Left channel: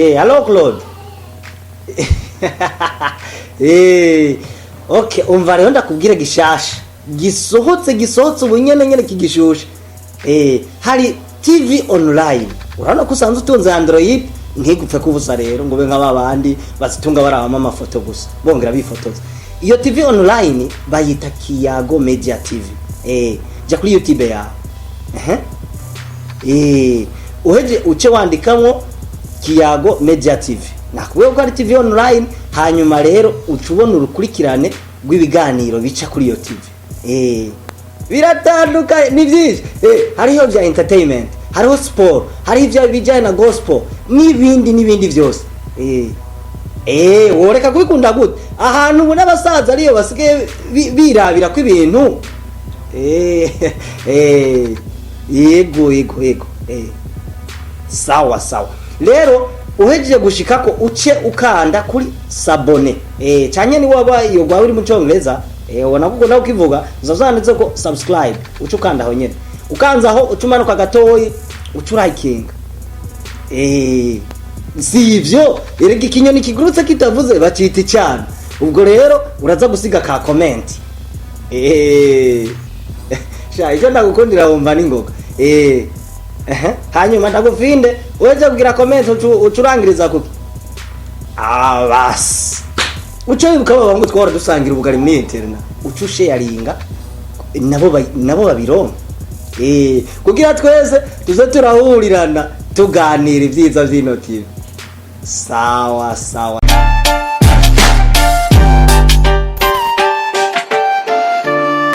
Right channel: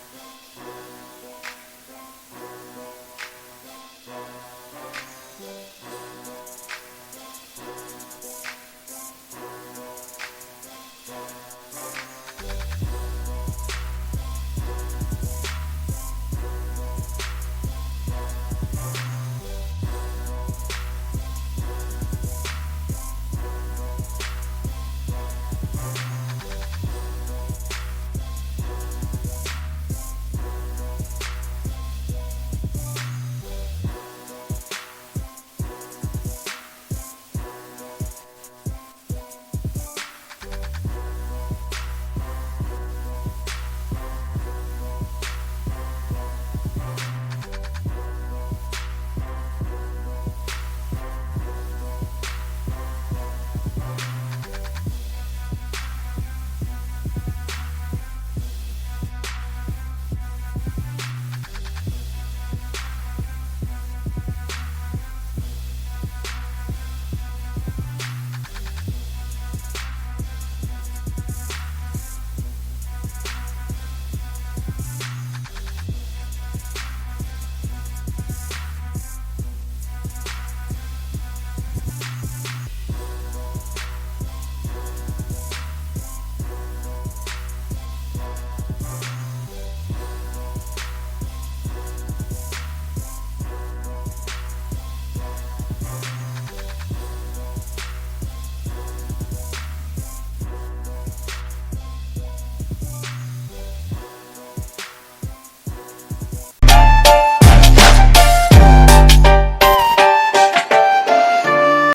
Hello Claude. Okay, umva rero ndakubwira gishasha. Gisohotse ubunyene kigishusha. Hari TV online. Urabona ko usanzwe utunze Android ntigupfe kubusa rero ngo be nk'abandi bazitunga barabama amafoto gusa. Bongera bifotoza. Iyo TV online bayita Kiyago Media TV. Ja kuri YouTube ya. Uheje uce wandikamwo Kiyago Media TV. Nakubwiye ko ari TV online, hanyuma rero ucubona urukurikirane rw'ibiganiro bica kuri iyo TV. Biratandukanye ni byinshi. Hariho bya entertainment, hariho sport, hariho ibya bijyanye na gospel n'ibindi byose. Woreka kubikunda gute? Ahantu ubona abasaza ariyo basigaye birabira ko ibintu. Yego. Sawa. Rero uhejeje gushika ko uce ukanda kuri sabone. Cyanye ni waba iyo gwa uri mu cyongereza, wanavuga nawe ukivuga uzazanditse ko subscribe, uce ukanda aho nyene. Ukanza aho ucumanuka gatoyi, ucurayikinga. Sivyo, erega ikinyoni kigurutse kitavuze bacita cyane. Ubwo rero uraza gusiga ka comment. Icyo ndagukundira wumva ningoga. Hanyuma ndagufinde weje kugira comment ucurangiriza kuki. Bas. Uco wibuka babangu twora dusangira ubugari muri internet. Uco sharinga nabo babironka. Kugira twese tuze turahurirana tuganira ibyiza by'ino TV. Sawa.